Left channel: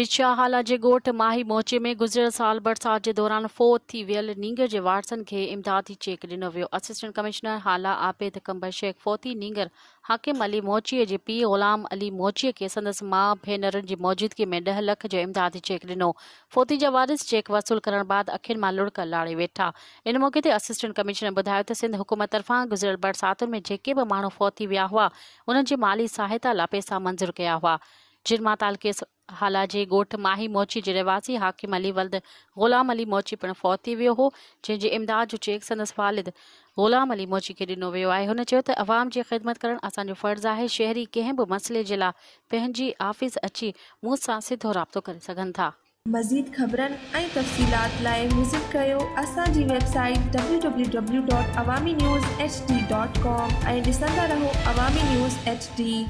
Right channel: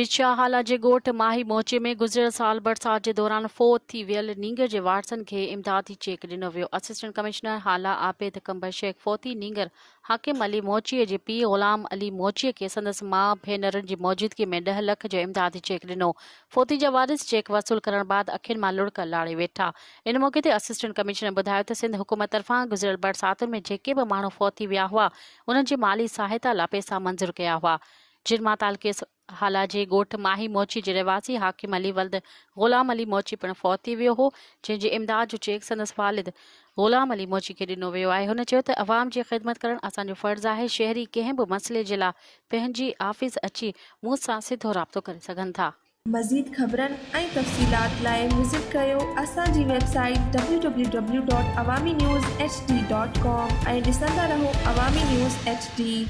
बिछा हाला जे ॻोठ माही मोचे में गुज़िरियल साल बरसात जे दौरान फोत थी वियल नींगर जे वारसनि खे इमदादी चेक ॾिनो वियो। असिस्टेंट कमिश्नर हाला आबिद कंबर शेख फोती नींगर हाकिम अली मोचीअ जे पीउ ग़ुलाम अली मोचीअ खे संदसि माउ भेनरुनि जी मौजूदगी में 10 लख जो इमदादी चेक ॾिनो। फोती जा वारिस चेक वसूल करण बाद अखियुनि मां लुड़क लाड़े वेठा। इन मौक़े ते असिस्टेंट कमिश्नर ॿुधायो त सिंध हुकूमत तरफ़ां गुज़िरियल बरसातुनि में जेके बि माण्हू फोत थी विया हुआ उन्हनि जी माली सहायता लाइ पैसा मंज़ूर कया हुआ। जिरमा तालुके हाला जे ॻोठ माही मोची जे रहिवासी हाकिम अली वल्द ग़ुलाम अली मोची पिणु फौत थी वियो हो, जंहिंजे इमदाद जो चेक संदसि वालिद ग़ुलाम अली मोची खे ॾिनो वियो आहे। हुन चयो त अवाम जी ख़िदमत करणु असांजो फ़र्ज़ु आहे। शहरी कंहिं बि मसइले जे लाइ पंहिंजी ऑफिस अची मूं सां सिधो राब्तो करे सघनि था। मज़ीद ख़बरनि ऐं तफ़सीलात लाइ विज़िट कयो असांजी वेबसाइट www.awamiNewsHD.com ऐं ॾिसंदा रहो अवामी न्यूज़ HD।